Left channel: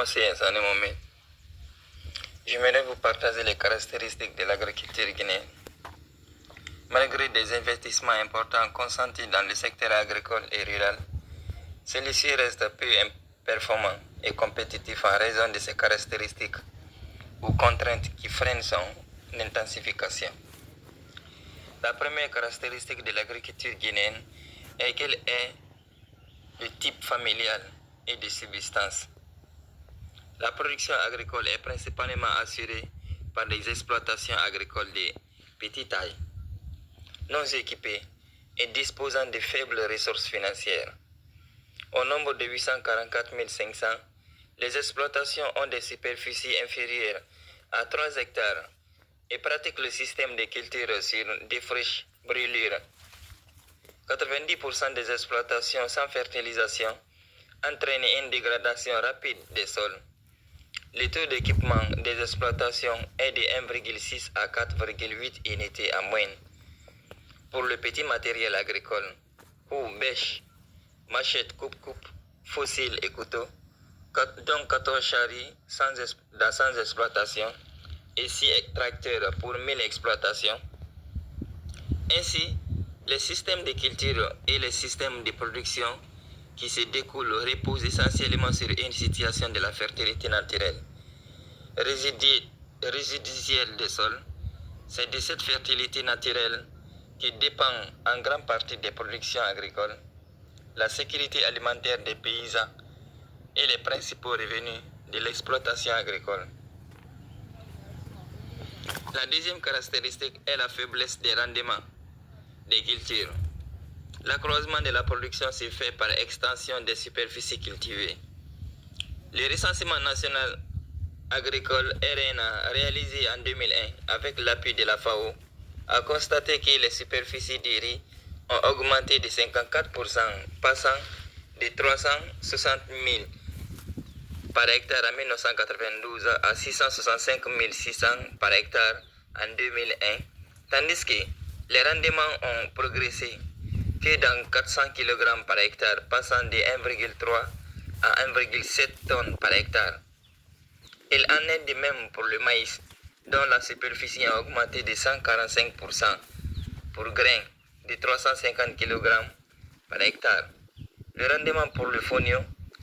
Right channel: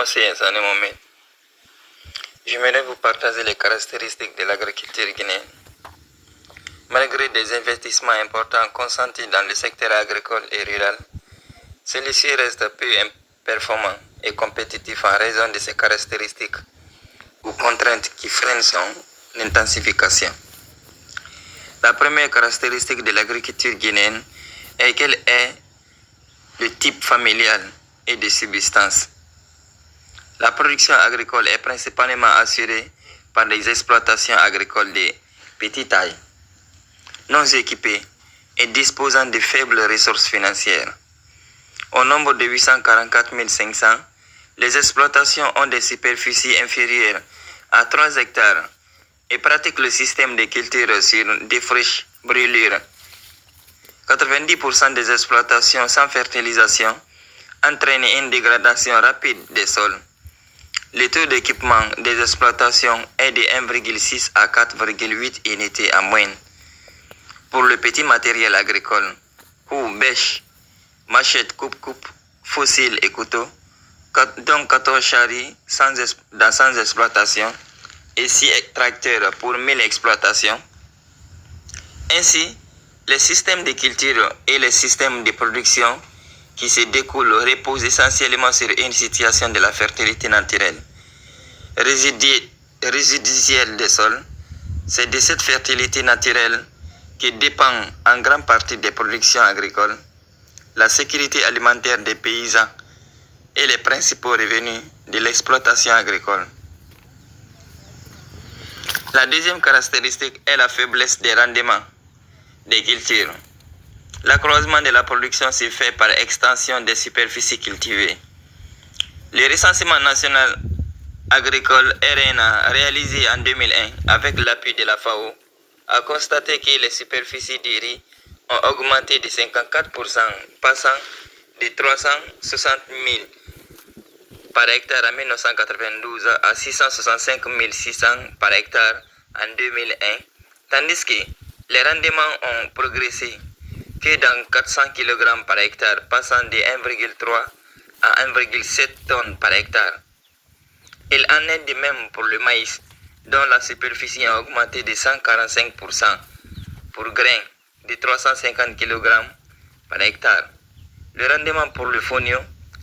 Moi, c'est Sané Mohamed. J'aimerais vous partager les caractéristiques de l'agriculture guinéenne. Malgré des investissements importants consentis dans le secteur agricole et rural, celui-ci reste peu performant et compétitif en raison de ses caractéristiques ou contraintes qui freinent son intensification. La première caractéristique de l'agriculture guinéenne est qu'elle est de type familial et de subsistance. La production agricole est principalement assurée par des exploitations agricoles de petite taille, non équipées et disposant de faibles ressources financières. Au nombre de 844 500, les exploitations ont des superficies inférieures à 3 hectares et pratiquent le système de culture sur des friches brûlures. 90% des exploitations sans fertilisation entraînent une dégradation rapide des sols. Le taux d'équipement des exploitations est de 1,6 à 4,8 unités en moyenne. Pour le petit matériel agricole, ou bêche, machette, coupe-coupe, fossiles et couteaux, dont 14 charries sans exploitation et 6 tracteurs pour 1000 exploitations. Ainsi, les systèmes de culture et les systèmes de production qui se découlent reposent essentiellement sur une situation de la fertilité naturelle résiduelle des sols. C'est de cette fertilité naturelle que dépend en grande partie des productions agricoles, la sécurité alimentaire des paysans et les principaux revenus de l'exploitation agricole. La deuxième caractéristique est la faiblesse des rendements des cultures. L'accroissement de la production se fait par extension des superficies cultivées. Le recensement national agricole RNA réalisé en 2001 avec l'appui de la FAO a constaté que les superficies de riz ont augmenté de 54%, passant de 360 000 par hectare en 1992 à 665 600 par hectare en 2001, tandis que les rendements ont progressé que dans 400 kg par hectare, passant de 1,3 à 1,7 tonnes par hectare. Il en est de même pour le maïs, dont la superficie a augmenté de 145%, pour grains de 350 kg par hectare. Le rendement pour le fonio,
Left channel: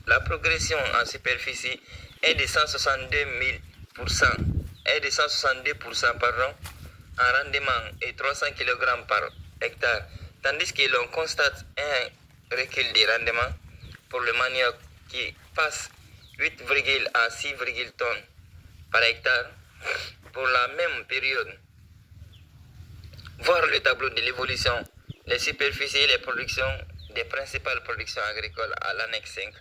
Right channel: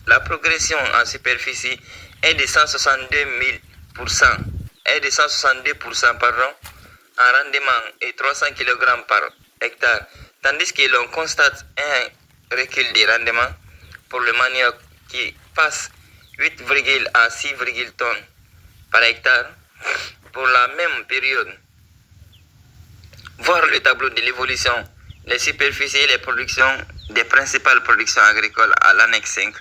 la progression en superficie est de 162%, en rendement et 300 kg par hectare, tandis que l'on constate un recul des rendements pour le manioc qui passe 8, à 6 tonnes par hectare pour la même période. Voir le tableau de l'évolution, les superficies et les productions des principales productions agricoles à l'annexe 5.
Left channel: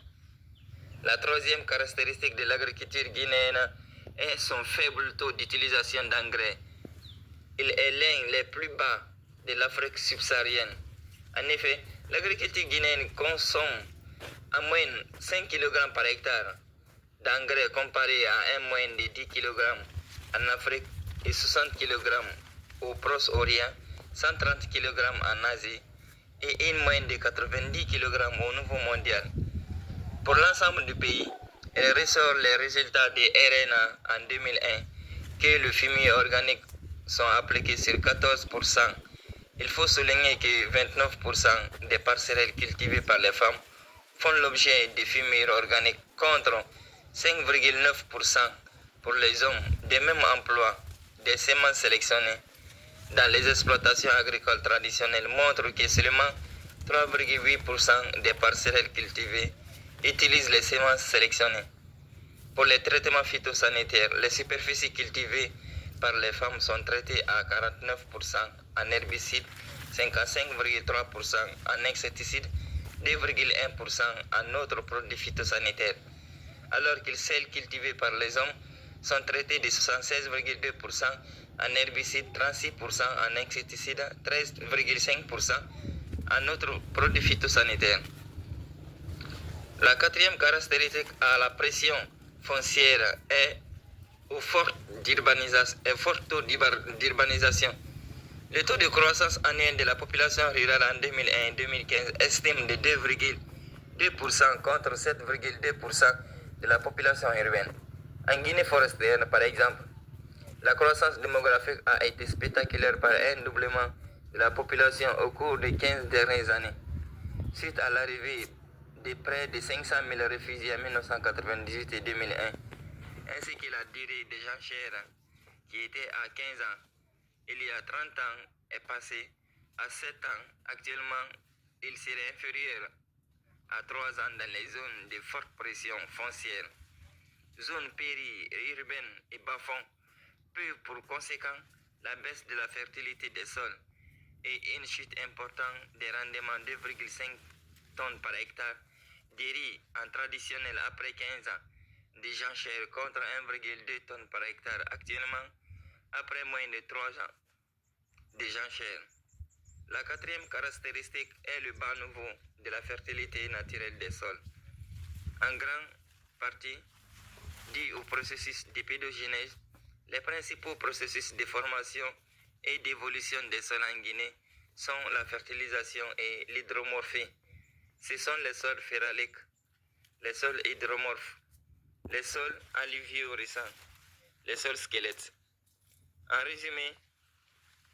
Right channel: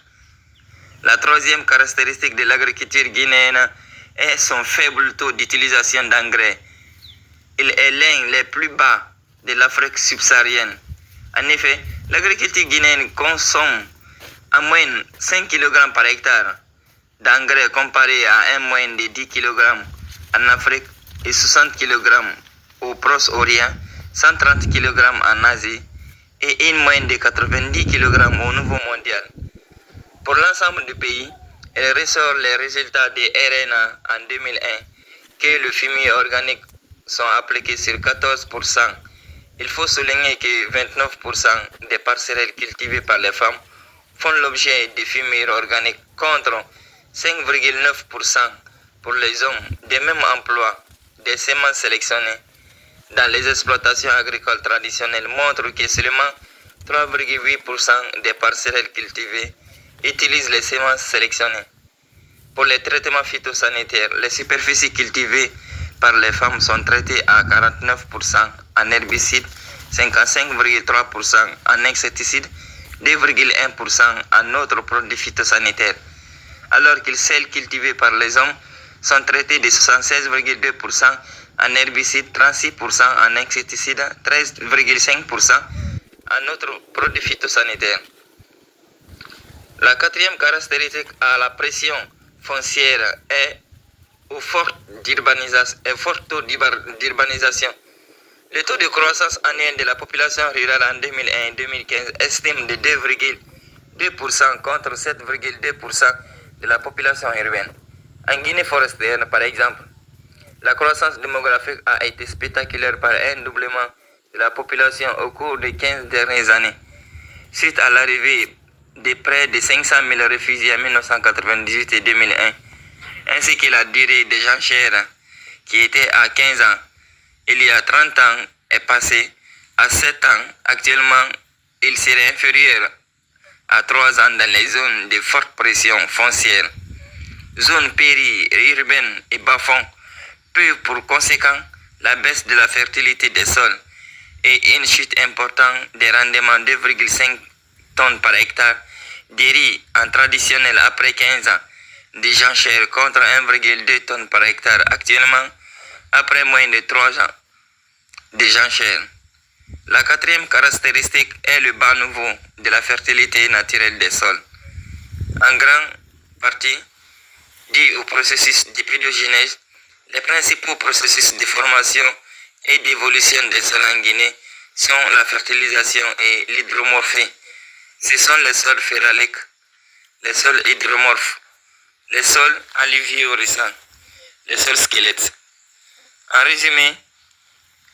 La troisième caractéristique de l'agriculture guinéenne est son faible taux d'utilisation d'engrais. Il est l'un des plus bas de l'Afrique subsaharienne. En effet, l'agriculture guinéenne consomme en moyenne 5 kg par hectare d'engrais comparé à un moyenne de 10 kg en Afrique et 60 kg au Proche-Orient, 130 kg en Asie et une moyenne de 90 kg au niveau mondial. Pour l'ensemble du pays, il ressort les résultats de RNA en 2001 que le fumier organique sont appliqués sur 14%. Il faut souligner que 29% des parcelles cultivées par les femmes font l'objet de fumier organique contre 5,9% pour les hommes. Des mêmes emplois des semences sélectionnées dans les exploitations agricoles traditionnelles montrent que seulement 3,8% des parcelles cultivées utilisent les semences sélectionnées. Pour les traitements phytosanitaires, les superficies cultivées par les femmes sont traitées à 49% en herbicides, 55,3% en insecticides, 2,1% en autres produits phytosanitaires, alors que celles cultivées par les hommes sont traitées de 76,2% en herbicides, 36% en insecticides, 13,5% en autres produits phytosanitaires. La quatrième caractéristique à la pression foncière est au fort taux d'urbanisation. Le taux de croissance annuelle de la population rurale en 2001 et 2015 estime de 2,2% contre 7,2% de la population urbaine. En Guinée forestière, par exemple, la croissance démographique a été spectaculaire par un doublement de la population au cours des 15 dernières années, suite à l'arrivée de près de 500 000 réfugiés en 1998 et 2001, ainsi que la durée des enchères qui était à 15 ans il y a 30 ans est passée à 7 ans. Actuellement, il serait inférieur à 3 ans dans les zones de forte pression foncière. Zones périurbaines et bas-fonds peuvent pour conséquent la baisse de la fertilité des sols et une chute importante des rendements de 2,5 tonnes par hectare de riz en traditionnel après 15 ans de jachères contre 1,2 tonnes par hectare actuellement après moins de 3 ans de jachères. La quatrième caractéristique est le bas niveau de la fertilité naturelle des sols, en grande partie dû au processus d'épidogénèse. Les principaux processus de formation et d'évolution des sols en Guinée sont la fertilisation et l'hydromorphie. Ce sont les sols phéraliques, les sols hydromorphes, les sols alluvio-récents, les sols squelettes. En résumé,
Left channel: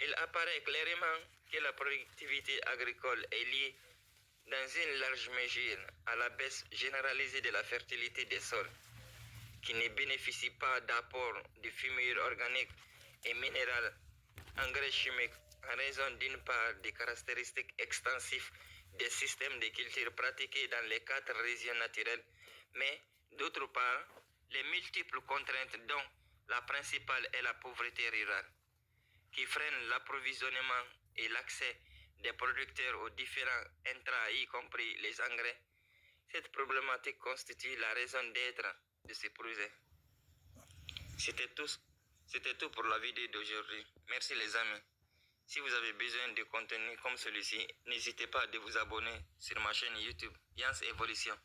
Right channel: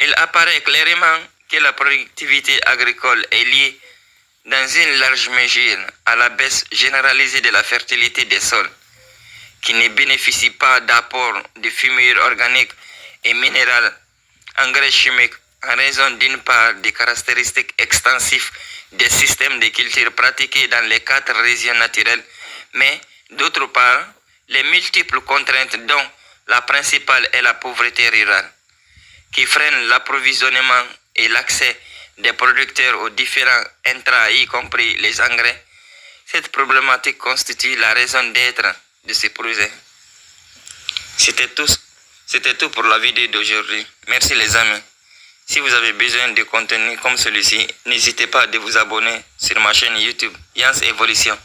il apparaît clairement que la productivité agricole est liée dans une large mesure à la baisse généralisée de la fertilité des sols, qui ne bénéficient pas d'apport de fumure organique et minérale, engrais chimiques, en raison d'une part des caractéristiques extensives des systèmes de culture pratiqués dans les 4 régions naturelles, mais d'autre part, les multiples contraintes dont la principale est la pauvreté rurale, qui freinent l'approvisionnement et l'accès des producteurs aux différents intrants, y compris les engrais. Cette problématique constitue la raison d'être de ce projet. C'était tout pour la vidéo d'aujourd'hui. Merci les amis. Si vous avez besoin de contenu comme celui-ci, n'hésitez pas à vous abonner sur ma chaîne YouTube Yans Evolution.